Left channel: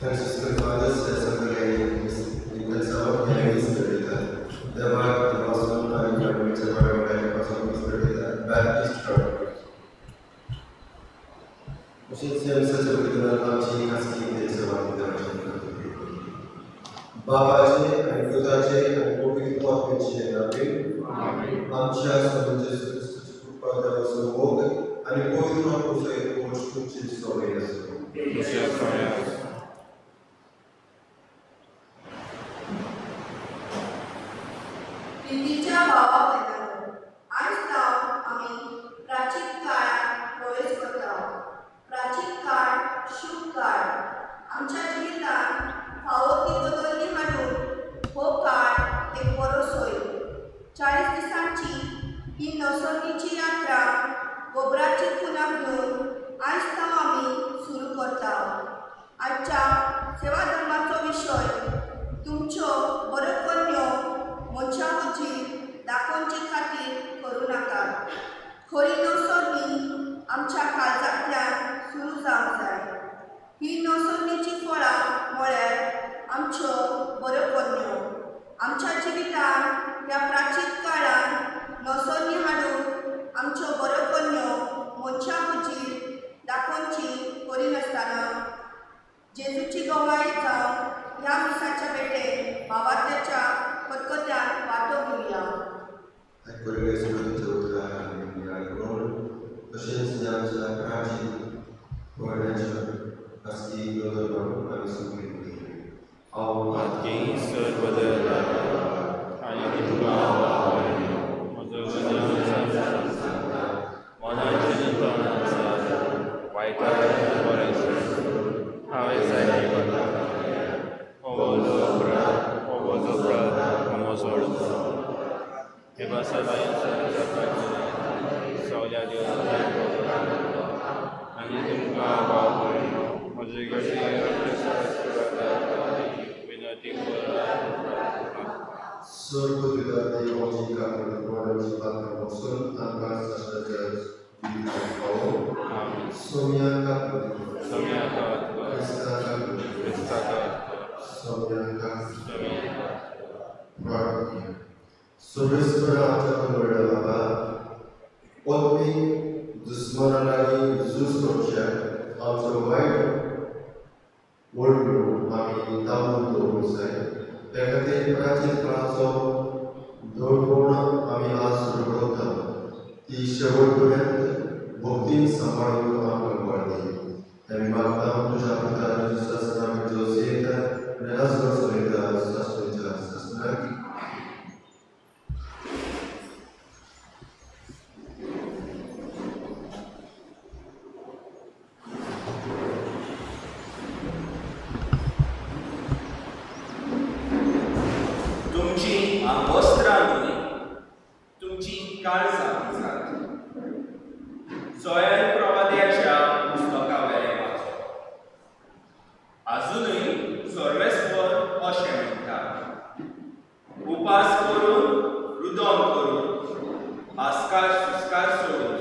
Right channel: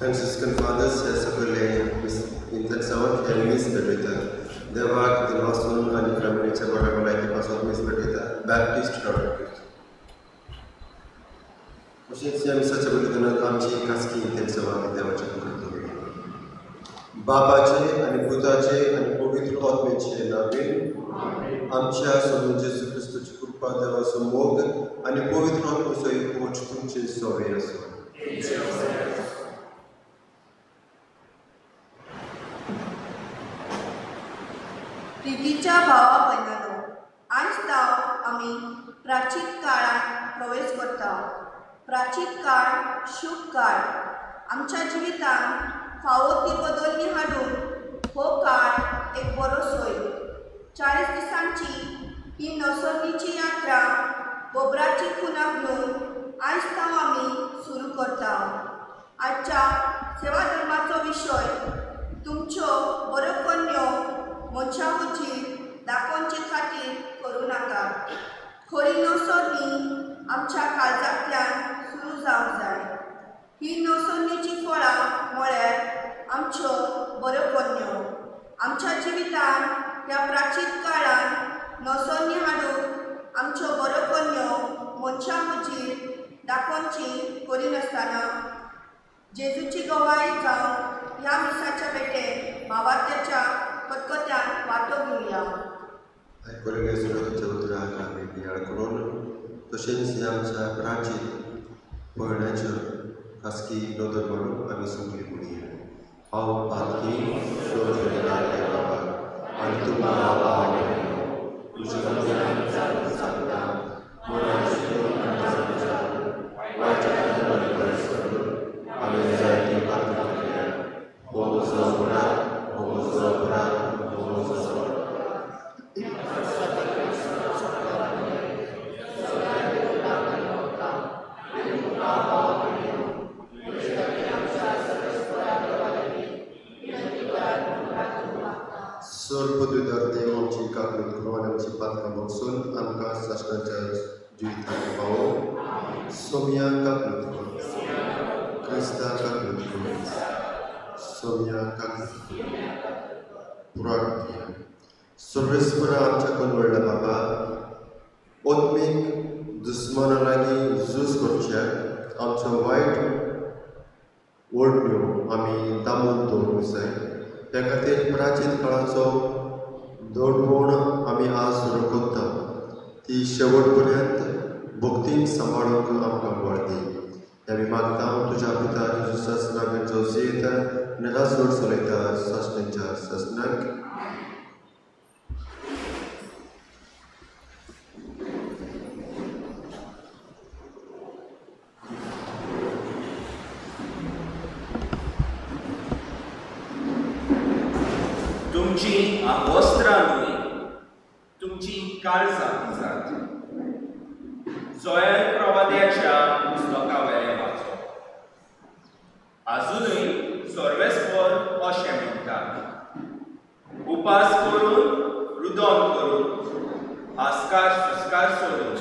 Franciscan Fathers या सगळ्या इंटरसाउंड या मिस करता देवाक देवासून आणि फॅमिलीच्या बरोबरायपासून मिस करता बॅप्टिस्ट चर्च अशीच या मिसाच्या वतीनं आमची खासगी इंटरसाउंड देवाच्या करतो बाबाचे आणि पुताचे आणि पवित्र आत्म्याचे नावे आमच्या सोबत येशू ख्रिस्ताची कृपा देवाचं मोग आणि पवित्र आत्म्याचे पोच तुमचे सवय असो प्रितीच्या भावा बहिणांनो, आज आम्ही प्राचीन काळात प्रवेश करता. प्राचीन काळ शुभ काळ आमच्या जिवितांत फावो ती बदलणी हाडून हो काळ एक बरो सोय. 40 दिसांची ही नवसर्गीची यात्रा गोबराची खुणाक घेऊन आज आम्ही सुरू करता. आजच्या सेवा धर्माचो विषय तुमच्यो बरो कन्यो मनशा मुजी दाखोवचे खातीर करूं नाका. खरी नवसर्गी आमच्या काळजांतल्यान सुरू जावंक जाय. ही नवसर्गीची फळां म्हळ्यार आमच्यो बऱ्यो कन्यो. आमच्या जिवितांत ह्या प्राचीन काळांत नवसर्गी हाडून आमच्यो बऱ्यो कन्यो मनशा मुजीर दाखोवची करिनासतना जेजूची गवाही जावन ह्या मिसाच्या भेटेन भावार्थ्याच्या खतखत्यान वांटो घेवया. आयकोलेल्या सुरतेच्या उतराक आमी नियाळ करून तशेंच आमच्या प्राचीन पयण्याच्या खासगी नोंदण म्हणून आमी संगीत म्हणया. हांव आरती शोधलेला आनी तुका सर्वेस्वर आमच्या कनवडला बाबा ओत्मीक दुस्मना लागीं झूज करचे आमचो वायट वळण्यो आमी तांबून दवरूंक जाय. त्या खातीर प्राचीन काळाचो दडवण आमी आज सुरू करता. ती शेवट पर्यंत भक्तीन सांबाळूंक आमकां बळ दी. आमी मागता तुज्या पिता सस्नाक जोसेत नराजवर चलयता सस्तेंच्या सस्नाक तुमची वस्त्रां न्हय, तुमची काळजां दिसात. जोएल प्रवाद्याच्या पुस्तकावेलें वाचप. आजुनूय सर्वेस्पर अशें म्हणटा, उपास करून रुदन करून आस्कार सुस्कार सोडून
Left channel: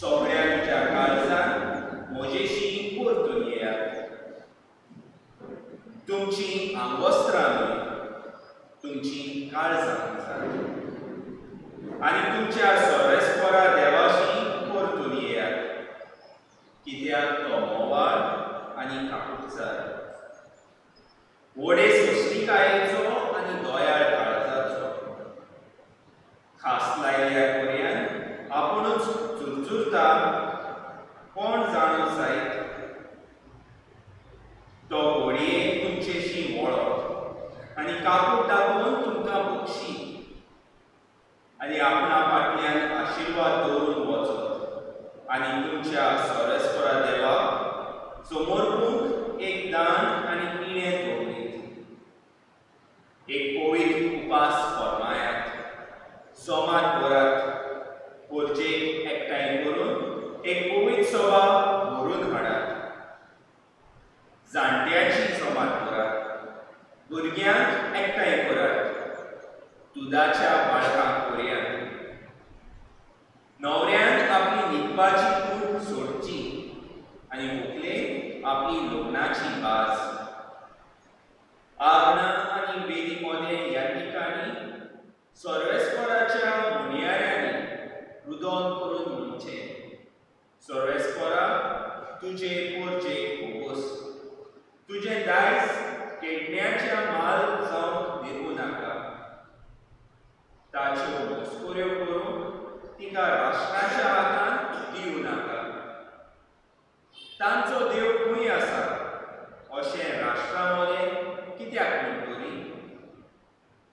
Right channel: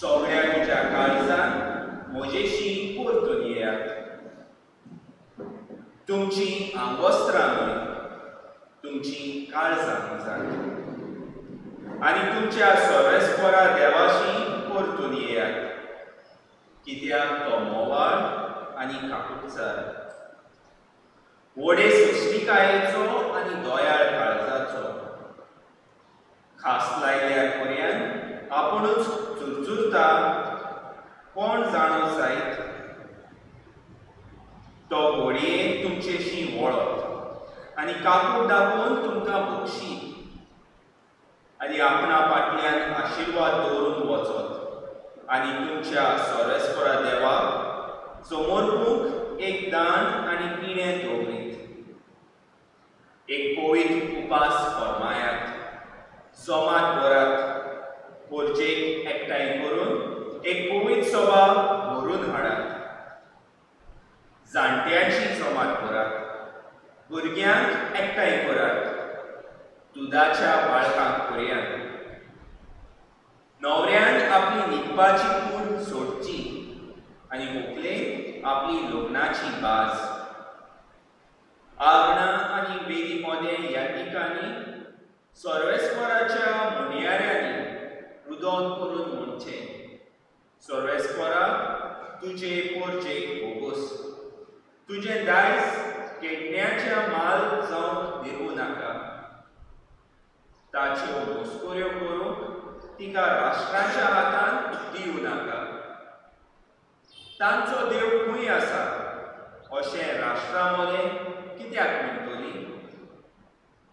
सगळ्या तुज्या काळजान म्हजेशी परतून येयात. तुमची आंगवस्त्रां न्हय, तुमची काळजां दिसात. आनी तुमच्या सर्वेस्परा देवाशी परतून येयात, कित्याक तो मोवाळ आनी काकुटचार, व्हडे सृश्टिकायेचो आनी दोयाळ काळजाचो. खास लायल्या कोऱ्यान आपुणूच चुरचुरता, कोण जाणो जायत. तो घोडयेन तुमचेशी वळप आनी काकूट दाखोवन तुमकां बक्षी आनी आपणा फाटल्यान आशिर्वाद दवरून वचत आनी तुमच्या सर्वेस्परा देवाक समोरपूंक एक दान आनी पिणें दवरीत. एक पवित्र उपास फर्मायात, सोमात भरात, पोरचेक एकठांय करून एक पवित्र सभा व्हरून हाडात. जाणट्यांची सोमात भरात, भुरग्यांक एकठांय करात, दुदाच्या बाळकांक पर्यांत. नवऱ्यान आपली न्हिदपाची कूड सोडची आनी व्हंकलेक आपली लग्नाची बाज. उलोवन करून म्हणचें, सर्वेस्परा तुजे पोरचेक बोगोस, तुजें दायज केडण्याच्या माल जावंक दिवूं नाका. ताच्यो मस्कुऱ्यो करूंक तिका राष्ट्राच्या हातांत दिवं नाका. तांचो देव खंय आसा अशें राष्ट्रा मोलें कित्याक म्हणटली?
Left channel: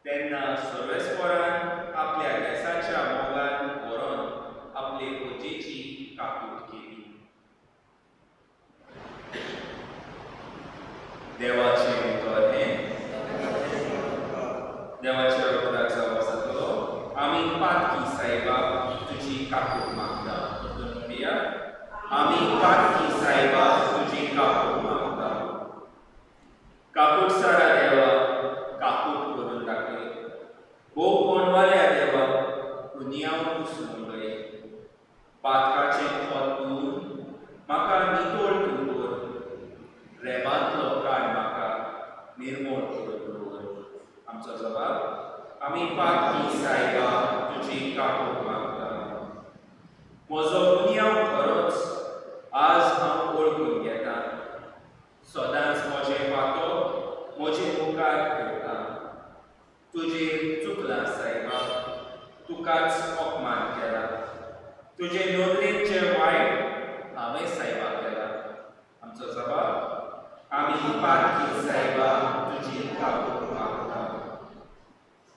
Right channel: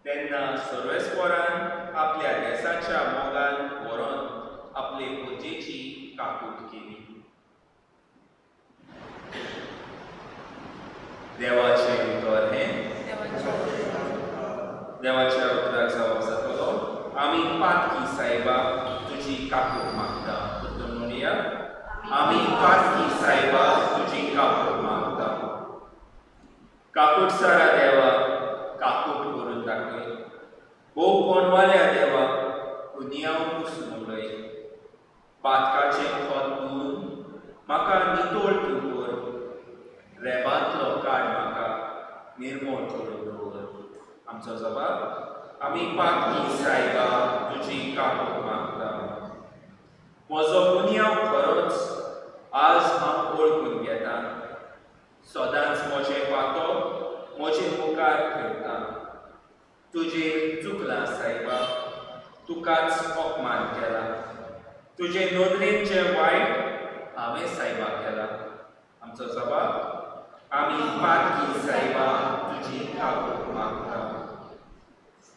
तेन्ना सर्वेस्परान आपल्या देसाच्या मोगान व्हरोन आपले पोरचेची काकूट केली. देवाचें उतर हें. देवाच्या उतराक जावप जातलो. आमी पातकी सायबा तुजी काकूट मागता. म्हणया आमी पातकी सायबा तुजी काकूट मागता. काकूट सारा देवा काकूट करून दाखय. भोव कोणवाल्या देवा तूं नियाव पुसून उडय. पातकाचें खोत धुवन म्हाका नितोळ तूं कर. रेबांतलो काड म्हाका निर्मळ करून दवर. आमचो जबाब, आमी पातकी सायबा तुजी काकूट मागता. म्हजो गुन्यांव खरोच आज हांव वळखून घेतां. सदांच म्हजें पातो म्हजे मुखार ठेवता. तुजेर चुकलां सायबा, तुकाच अपमान केला. तुजे नदरेन जें वायट हांवें सायबा केलां. आमचो जबाब, आमी पातकी सायबा तुजी काकूट मागता.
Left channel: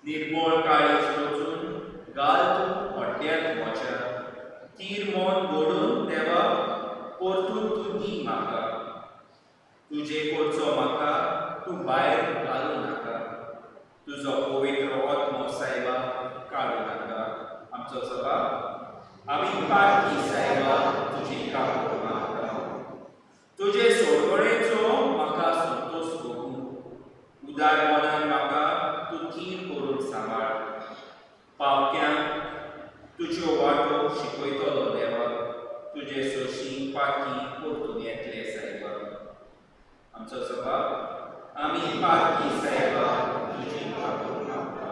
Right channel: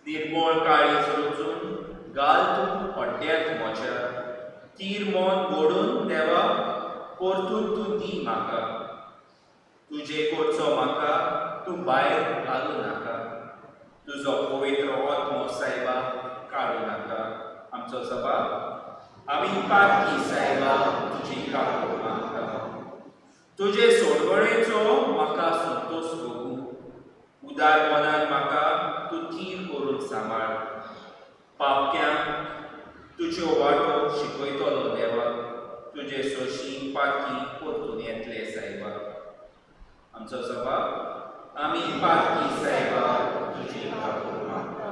निर्मळ काळीज रचून घाल तूं हड्ड्यांत म्हज्या. तीर मोन घडून देवा परतून तूं दी म्हाका. तुजे कडचो म्हाका तूं भायर घालूं नाका. तुजो पवित्र आत्मो सायबा काडूं नाका. आमचो जबाब, आमी पातकी सायबा तुजी काकूट मागता. तुजे सोडवणेचो म्हाका संतोश भोगूं. उदार मनान म्हाका तूं थीर करून सांबाळ. पापक्यांक तुज्यो वाटो शिकयतलो देवा. तुजे सोशी पातकी परतून येतले सायबा. आमचो जबाब, आमी पातकी सायबा तुजी काकूट मागता.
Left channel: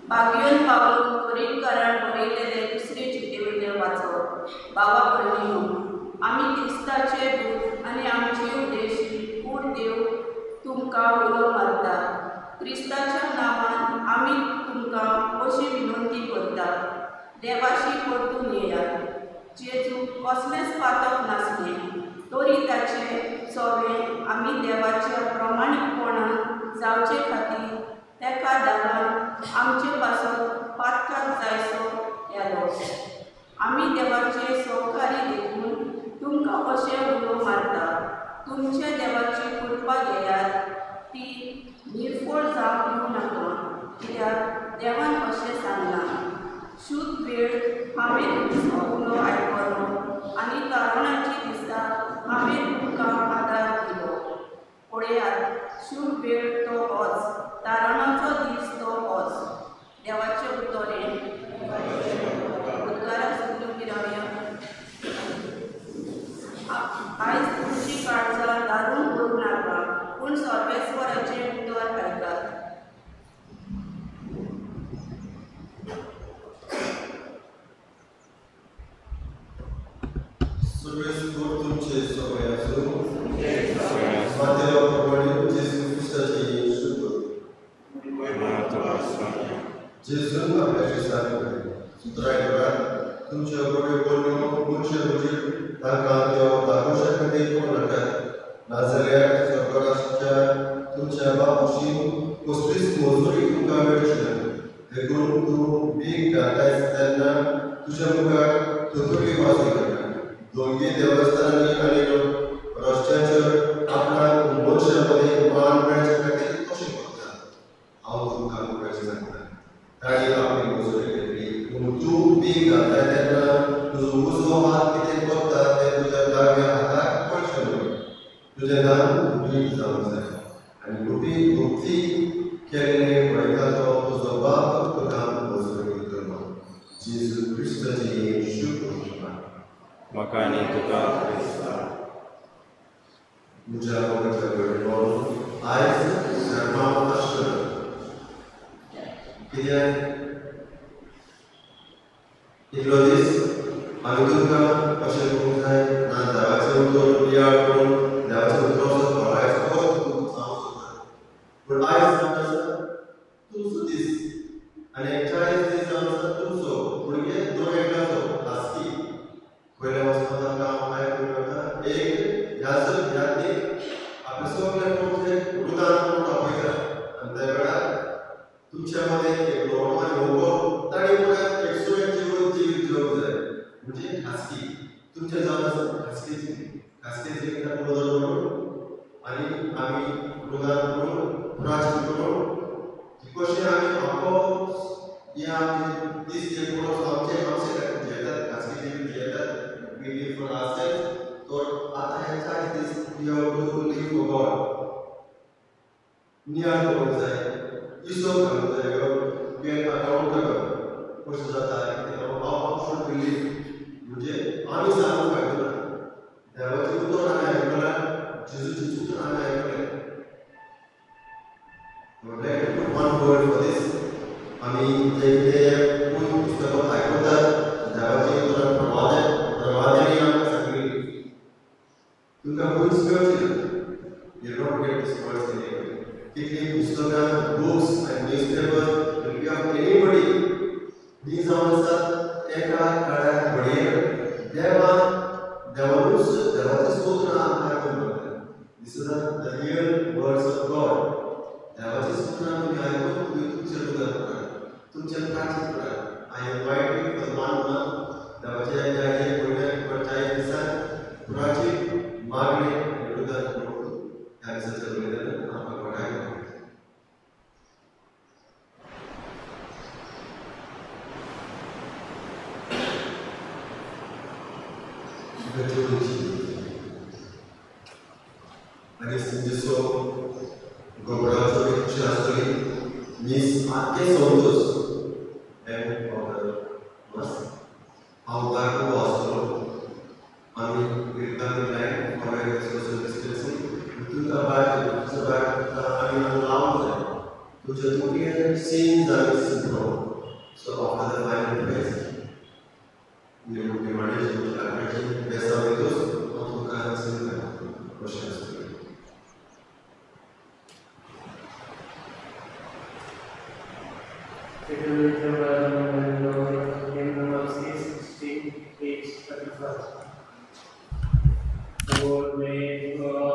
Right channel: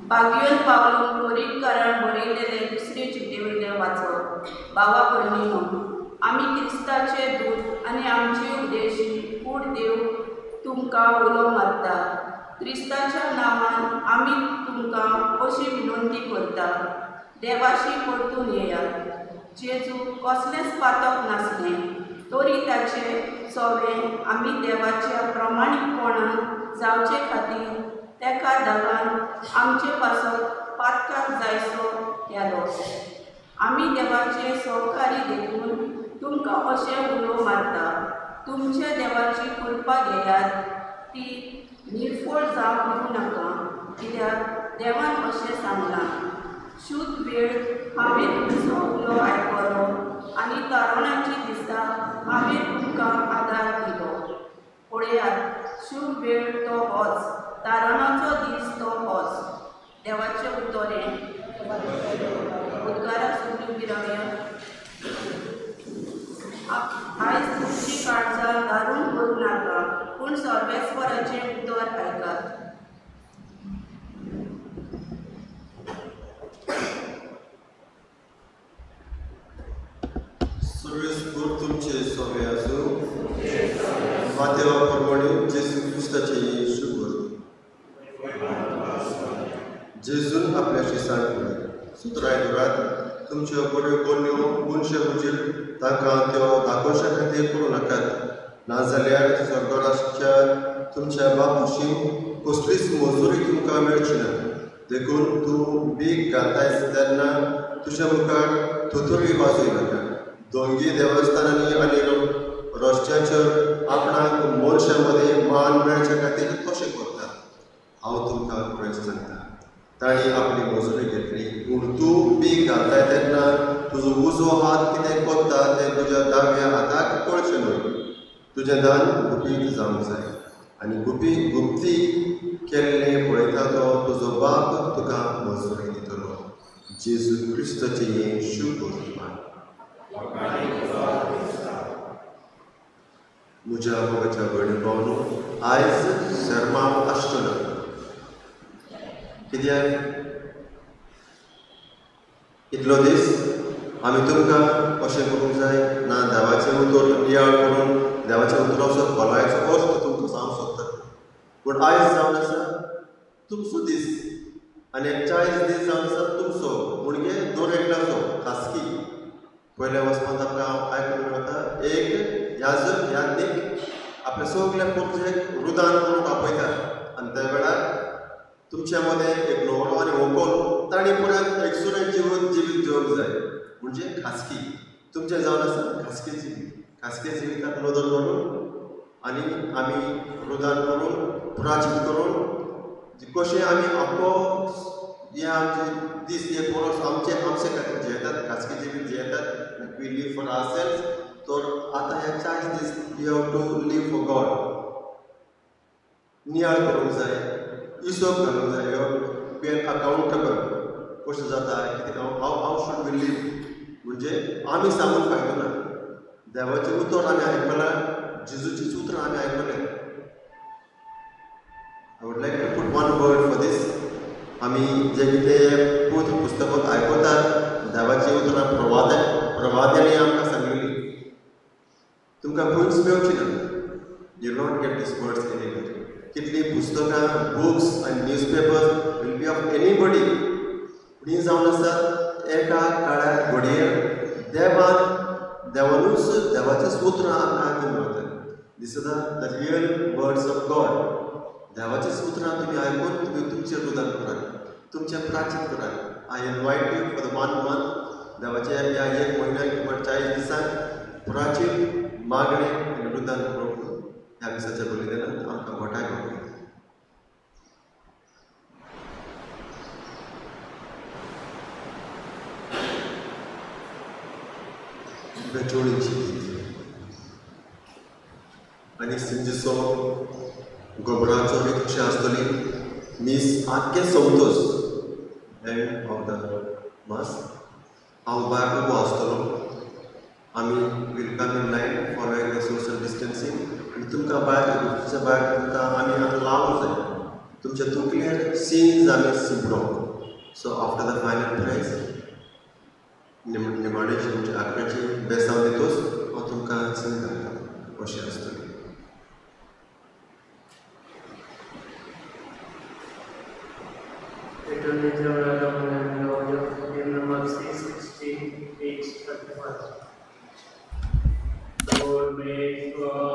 बागयोन पावून कोरींतकारान बरयलेले दुसरे चिठ्ठेवयले वाचप. बाबा पडणीनो, आमी क्रिस्ताचे दूत आनी आमची उदेशी कूड देव तुमकां उलो मारता. क्रिस्ताच्या नांवान आमी तुमकां अशी विनंती करता, देवाशी परतून येयात. जेजू कसलेंच पातक नासलें, तरी ताचे सोवे आमी देवाच्या प्रमाणीकपणान जावचे खातीर तेका धागान आमचे पासत पातकाक जायसो केलो. आमी देवाचे सहकारी देखून तुमकां अशें उलो मारता, तुमचे देवाची कृपा घेयात. ती निर्फळ जावंक दिवं नाका, कित्याक देवान अशें सांगलां, शुद्ध वेळ हांवें तुमचो उलो आयकलो आनी तारणाची दिसा हांवें तुमकां आदार दिलो. पळयात, शुभ वेळ तो होच, तारणाचो दीस तो होच. देवाचें उतरें. उद्गाराक सगळीं उबीं रावया. आयज तुमची काळजां दारून करूं नाका, पूण सर्वेस्वराचें उतर आयकात. सर्वेस्वर तुमचे सोवे आसूं. मातेवा प्रमाणे जेजू क्रिस्ताची शुभ करूं. जेजून आपल्याशी सांगलें, सुत्रायत तुमच्यो बऱ्यो बोलयो मनशां हुजीर तांकां त्यो दाखोवच्या खातीर करूं नाकात. नाजाल्यार स्वर्गराज्यात तुमच्या बापूशी कसलीच मजुरी तुमकां मेळची ना. देखून तूं बीक घालतायस तेन्ना तुज्या मुखार थोथोरी वाजूय नाका. दोंगी देवस्थानांनी आनी रस्त्याचेर आपणाक मनशां मदें मान मेळच्या खातीर कशें करता. हांव तुमकां खरें सांगता, ताणी आपली मजुरी घेतली, पूण तूं बीक घालताय तेन्ना तुजो उजवो हात कितें कोत्ता तें तुज्या दाव्या हाताक कळचें न्हय. तुजें दान गुपीत जावंक जाय, आनी गुपी गुप्ती केल्लें पळयता तो तुजो बाप तुका जेजू क्रिस्ताचे येण शुभ म्हज्या भावाच्या भयणी आयज शर्माव आसतना कित्याक इतलो दीस आमी तुमकां अशें करूंक जाय ना देवाचें उतर नियाळ करून देवाचें उतराचो खोलायचो अर्थ तुमकां सांगूंक सोदता पूण आयज जावन आसा तुमचो दीस आनी 40 दीस जावन आसा तुमचो म्हणजे दोन एकल्याचो खासगी पयल्या वचपाक आमकां हांव आयकूंक वता एक याजक याज्ञीक आपल्या सगल्या पुरजेक रुदान करून आपयता आनी त्या वेळार तुमच्या मदें एक ल्हवो आनी व्हंकल ताणी पुराय एक सुरेख जिवीत जिवंक जाय म्हणजे खासगी तुमचें जावन आसा खासगी जिविताक नदर करून आनी आमी रुदान करून प्रार्थना करून कशें आमी आपलो हे आमचे दीस हे परस आमचे खातीर जियेतात खासगी जिवीत जियेतात वी लीव फॉर आवरसेल्व्स तर आतां हे 40 दीस we have to live for God नियाळ करूंक जाय हिशोब घालूंक जाय बी एन अकाउंटेबल कशें जाता कितें हाव शूड वी लीव म्हणजे आमी सांगूंक फायदो ना देवाचें उतर आमी आयकलां जेजूचें उतर आमी आयकलें I would like to put one word for this. आमी जे कितें पुस्तकांत आयकतात देवाचें उतरां प्रवाद्यांनी आमकां सांगिल्लीं तुमकां खंयच मेळची ना you not get this words anywhere कितलीं पुस्तकां बुक्स आनी newspapers will be of anybody ही जावन आसात एका काळ्या घडयेर देवानूच देवाचें सुत्र आमकां आयकूंक मेळटा this is the real words of God देवाचें सुत्रां तुमी आयकून तुमी तुमचें रुदान करात तुमचें प्रार्थना करात आय इनवायट यू फॉर 1 मंथ देवाच्या ह्या 1 म्हयन्याक किंवा 40 दिसांक प्रार्थना मागणी आनी रुदान करून ह्या दिसाच्या बलिदानांत आमकां घोटाय करता आनी संजेचो गोबराचो बी कशें आसतली मीस आख्खे संवतोस एंड ऑफ द मास हांव भायर उबो आसतलो आमी will come in line for social distancing तुमकां भायर तुमच्या भायर तुमकां आमी हांगा लावूंक जाय तुमच्या तकलेर सीन्स आमी सिंपलो so after the final prize निमाणेची म्हणजे आग्राची बेसांव दितोस हांव तुमकां सांगता कशें आसतलें Lord, may God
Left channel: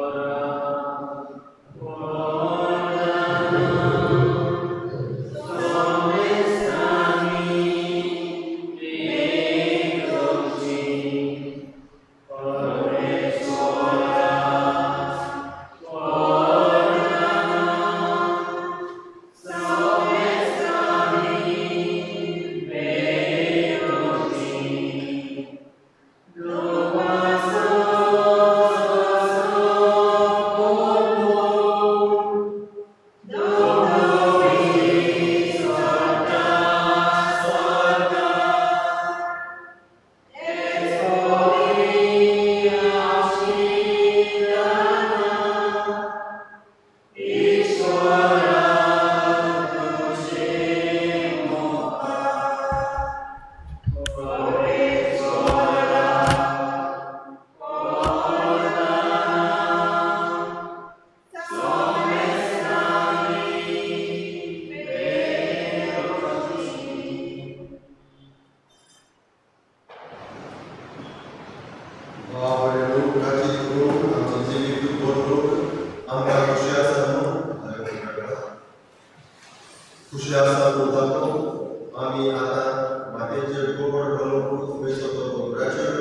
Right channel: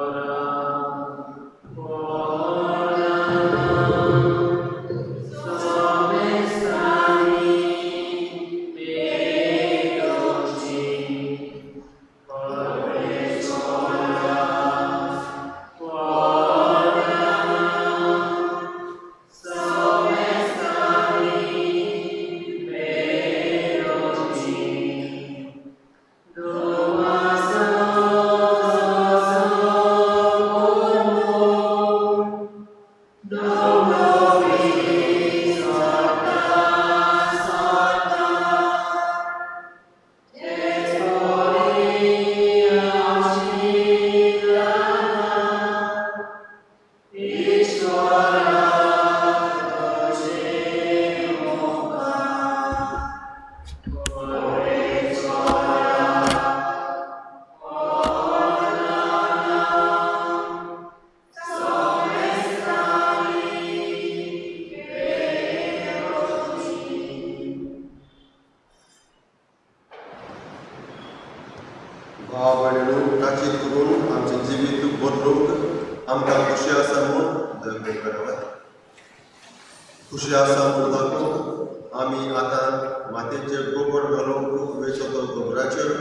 खुशी आसा म्हणून आमी आतां मातयेचेर गोबर घालूंक वेचो तो गोबराचेर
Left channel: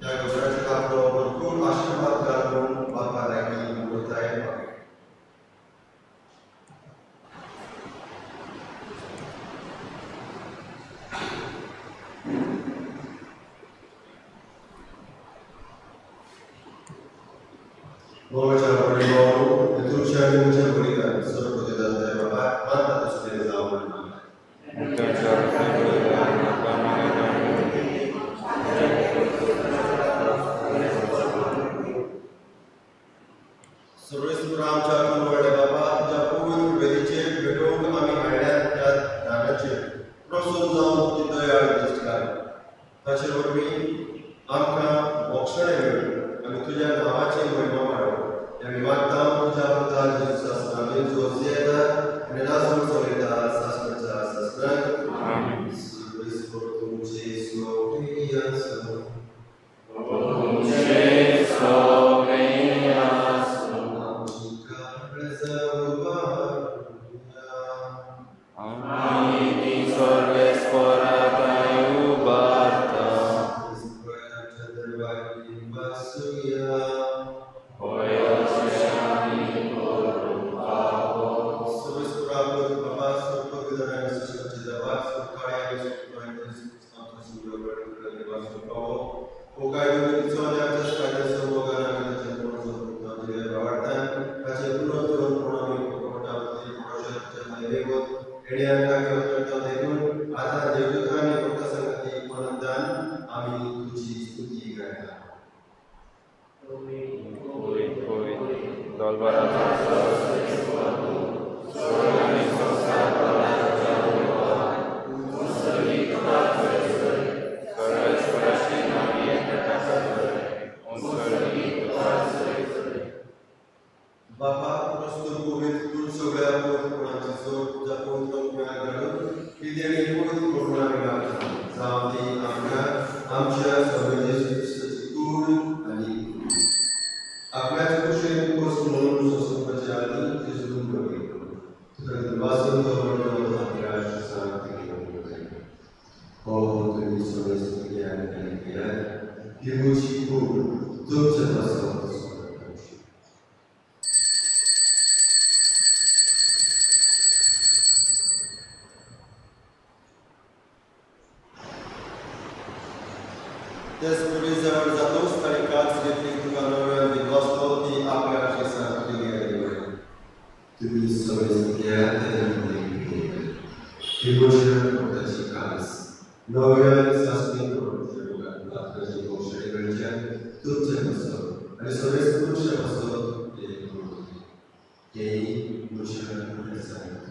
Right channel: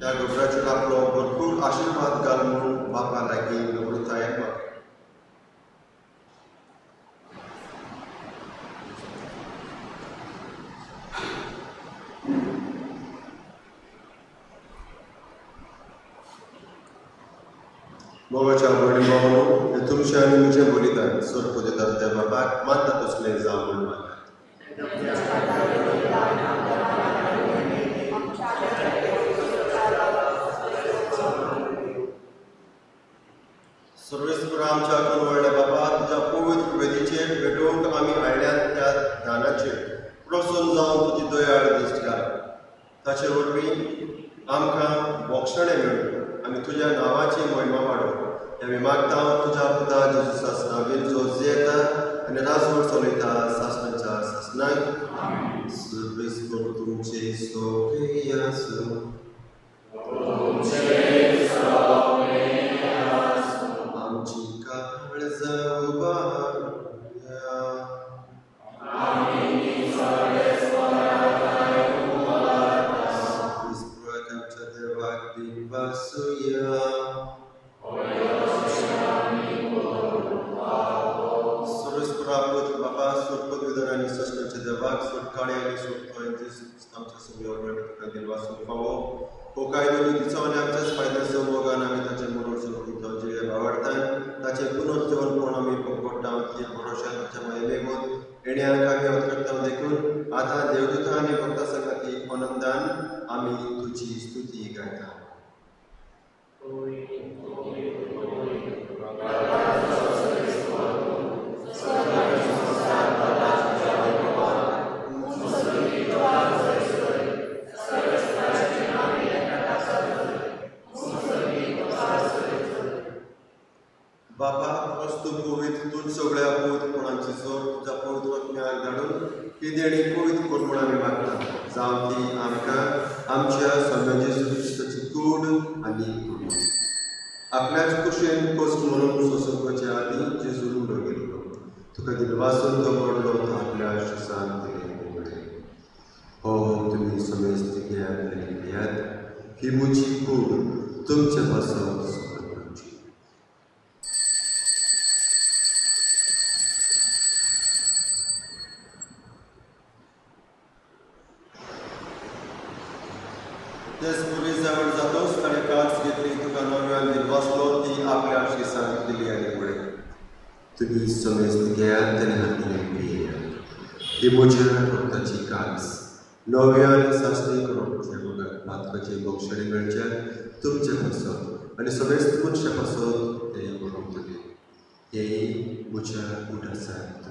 त्या गोबराचेर आपलो भरपूर आशिर्वाद घाल म्हणून बापा लागीं नम्रताय मागता मोगाच्या बळी मागून तुमच्या आनी म्हज्या बलिदान स्वर्गपूजिता त्या बापाक मानता तसलें जावं म्हणून जगात सुटकाळे आणि सुटतोय आमच्या समोर तुका देवाचो फावो हो कायदो दिचो आनी आमच्याच फायद्याचो मोगान आमी ताचे मनोरंजन जिवे आवडटाय ताचे पुनर्जीवन कोण आमी पडटा ती भरोशा ताच्या महिमेक एणे आमकां घेवन करता देखून आता देवदूता आनी भक्ता संगती आनंदान आमी तुजी स्तुती गायता. बापा वस्तू पवित्र तूं सगळ्या पवित्रपणाची जोड तुझ्या पवित्र आत्म्याक धाडून ही देणी पवित्र करून आमी मागता जावं ती आमकां आमच्या सगळ्या जेजू क्रिस्ताची कूड आनी कुडी आपल्याच कुशेन पोस्ट म्हणून सोसोवपाचे आदी जेजू उडोवली तुका दिलवासून तो व्हडलो आपल्या आशिसांत हो तुमी सगळे स्थित्यात ही म्हजी कूड तुमचे पासून तेच पुलीस जवळ जातोच ताणें काच घेतली तुका नव्यान दिलवासलो ती आपल्या आशिसांत दिली आनी म्हळें तुमी सगळे स्थित्यात ही म्हज्या भक्ताची कास नव्यान सासणी करून नातवाचे भोवशणे मेळचे तुमचे पासून आनी सगळे तुमचे पासून ते करून दिले हे म्हज्या कुडासांत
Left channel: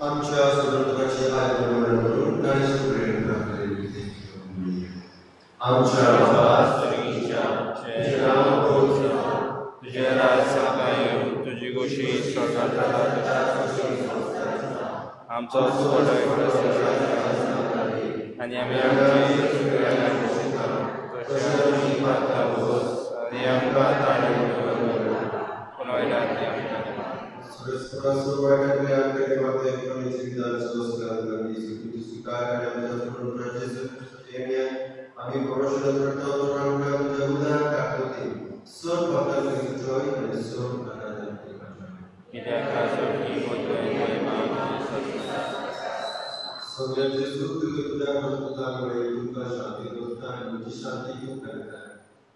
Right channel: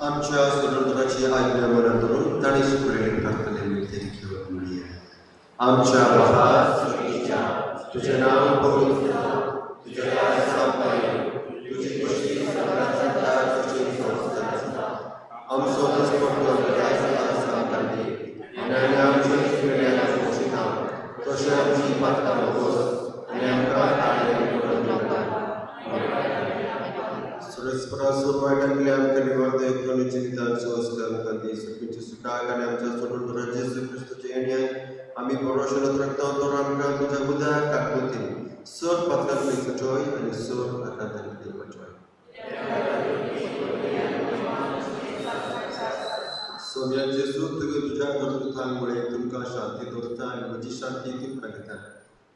आमच्या स्वतंत्राची आज्ञा करून ताणी सुरेण टाकलेली ते आमच्या तुझे नाव पवित्र तुझे राज स्थापन तुझी गोष्टी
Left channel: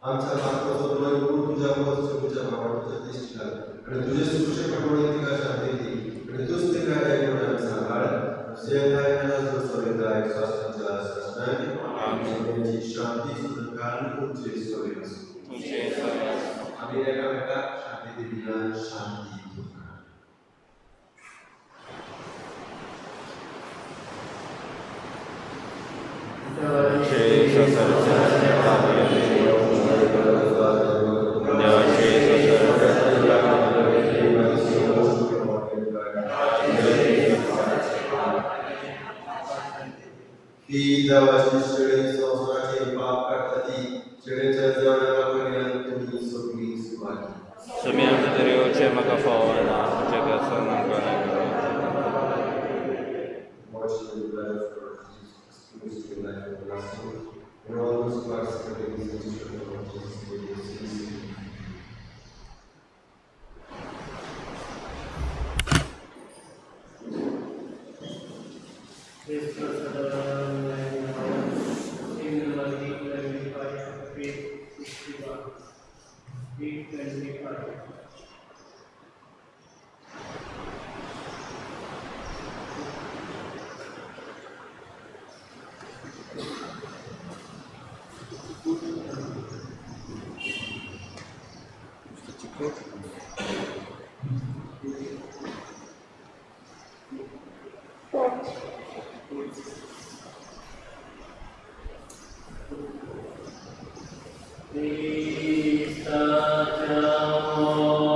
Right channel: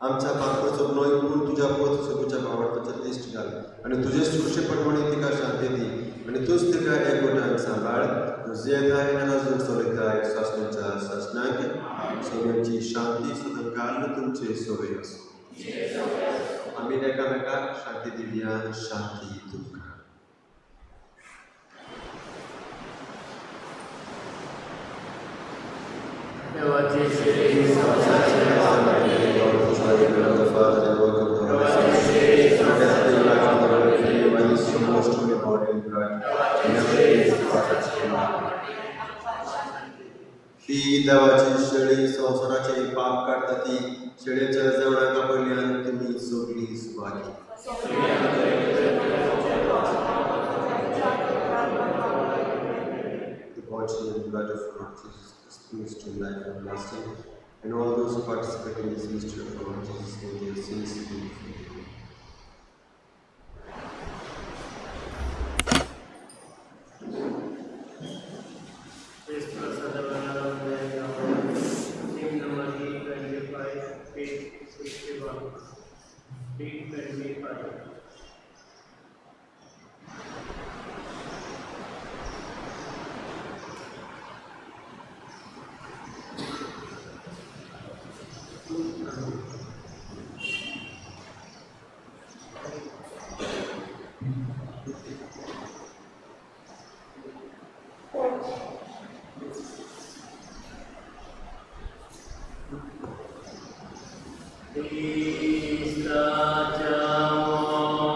आमच्या भारताचो नोय पूर तुझ्या पद तुझ्या भावाच्या दिश्ट घाल आणि तुझे सुरक्षे प्रमाणे तिका शांती दी आणि तूच तिका एकवटान सांभाळ तुझे गायनाला जो सोयीदाय शासनाच्या शासनात सोन्याची शांती सुद्धा काल तुमचे सोयी असो दिव्यान शांती तुका. ही देवाची शेळी संसाराचे पाप काढता ती शेळीच्या जेवणाका पयली तुम्ही सोडली सुवारी. The body and blood of Lord Jesus Christ to life everlasting, and all those who participate in this mystery of Lord Jesus may their sins be forgiven. Krista Jamo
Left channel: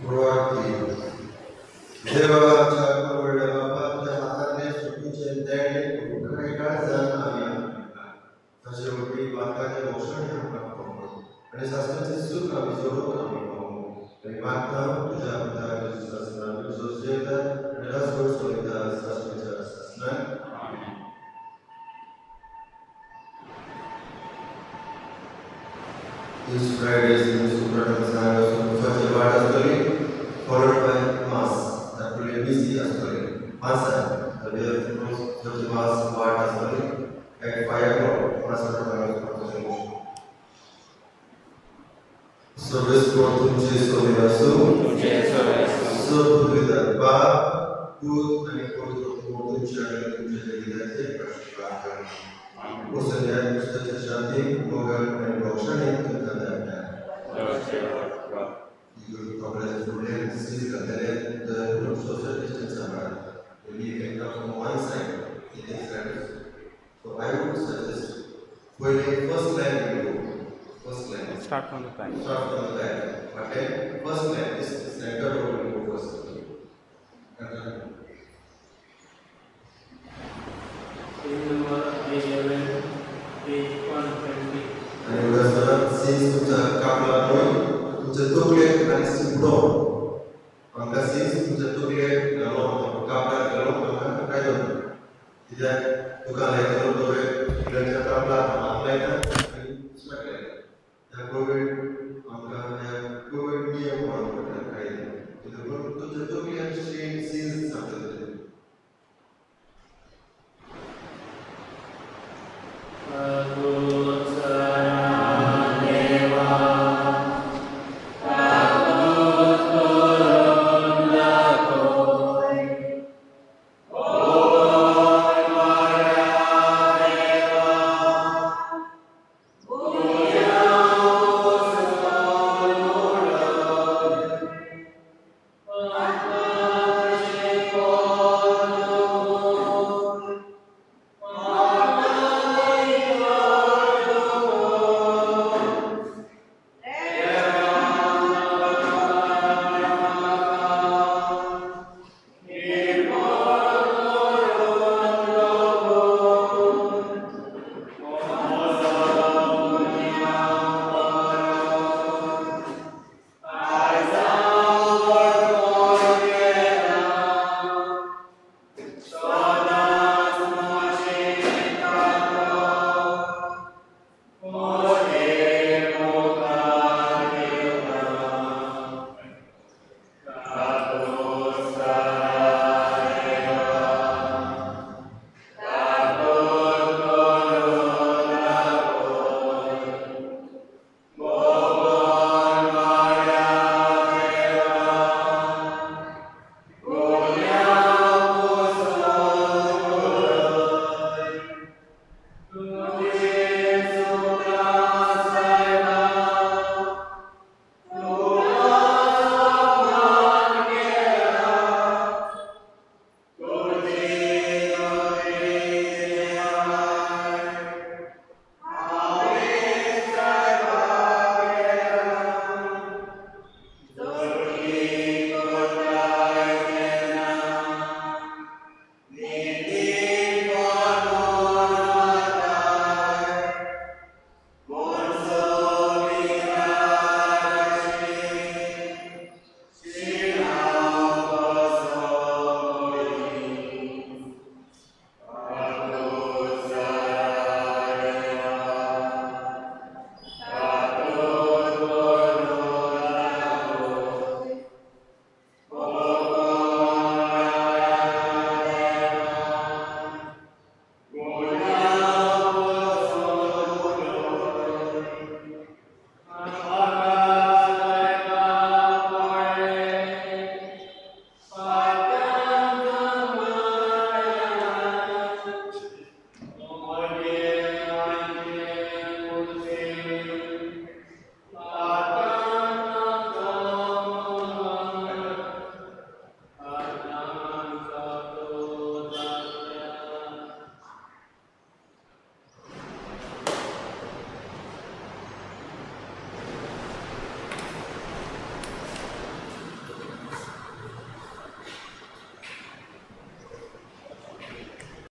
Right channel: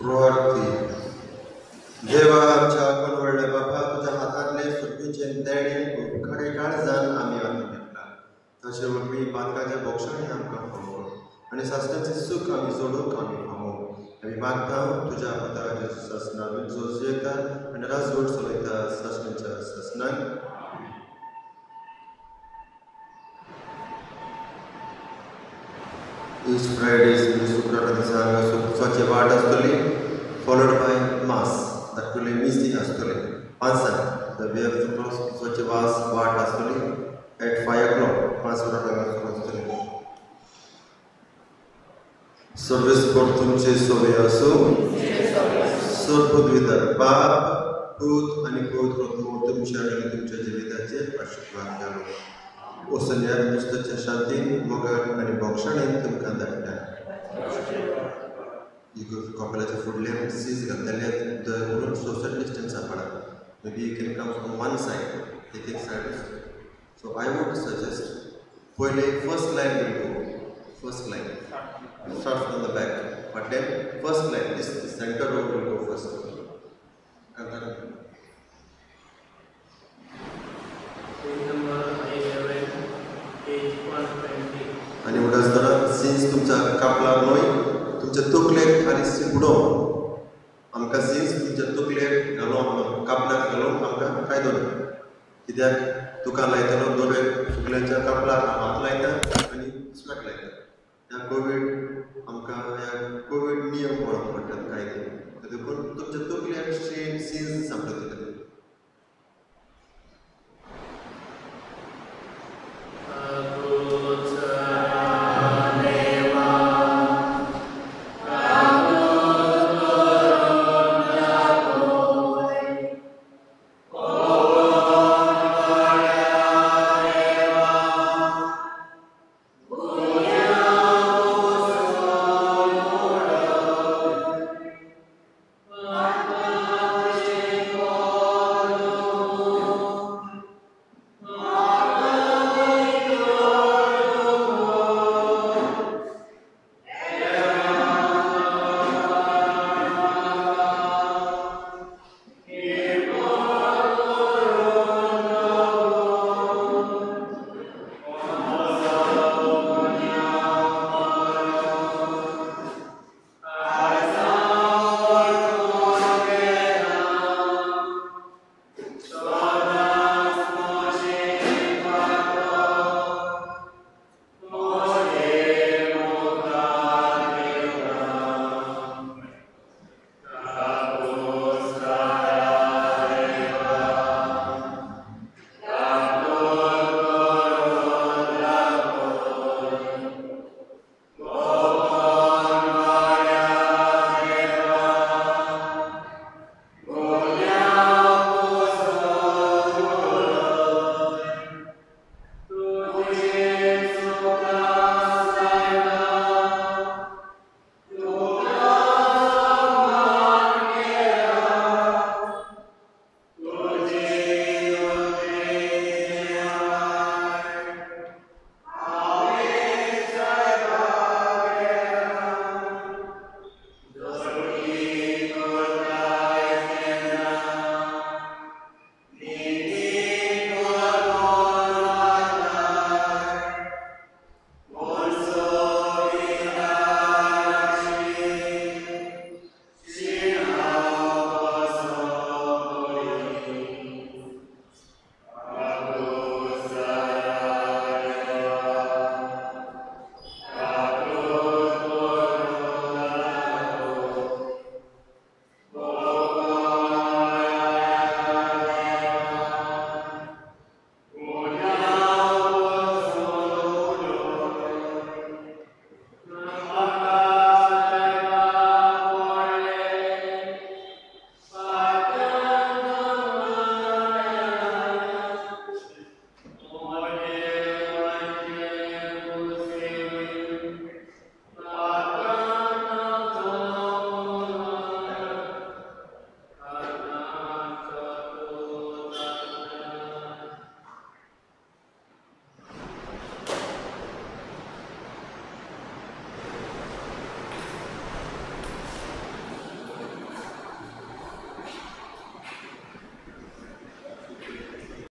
प्रार्थी देवा आमच्या परवडल्या बाबा तुझ्या हातातले सुटणीचे देणे खरे काळजान आम्ही आनंदितला तशें वरवीं बादकाच्या भोक्षांनी आमकां खावोव आनी सासणाचें सूख आमी जोडूंक आमी खावोव आमी मागता तुज्या पुत्राच्या सासणान जो जेता आनी राजवट चलयता सासणाच्या सासणान Each Friday is such a word astoli, followed by Mass. That will be mystic astoli. Answer. The way of such a vast word astoli at 5 o'clock. Mass astoli. Service for तुमचे सोवे असो. सर्वभूतविदा बाप, दूत आणि पवित्र तुमच्या आणि तुमच्या जीविताचे आशीर्वाद द्यावे. ओसंड्या नुसत्याच्या शांती, मोगल आणि मोक्षाने तुमकां धाडटा. कपड्याचे फुडले सीज घातलेले the social distance apart. Maybe you can come from one side, taking sides. So I would suggest पहिले first line you go. First line. Start from the back. But then first line is the center of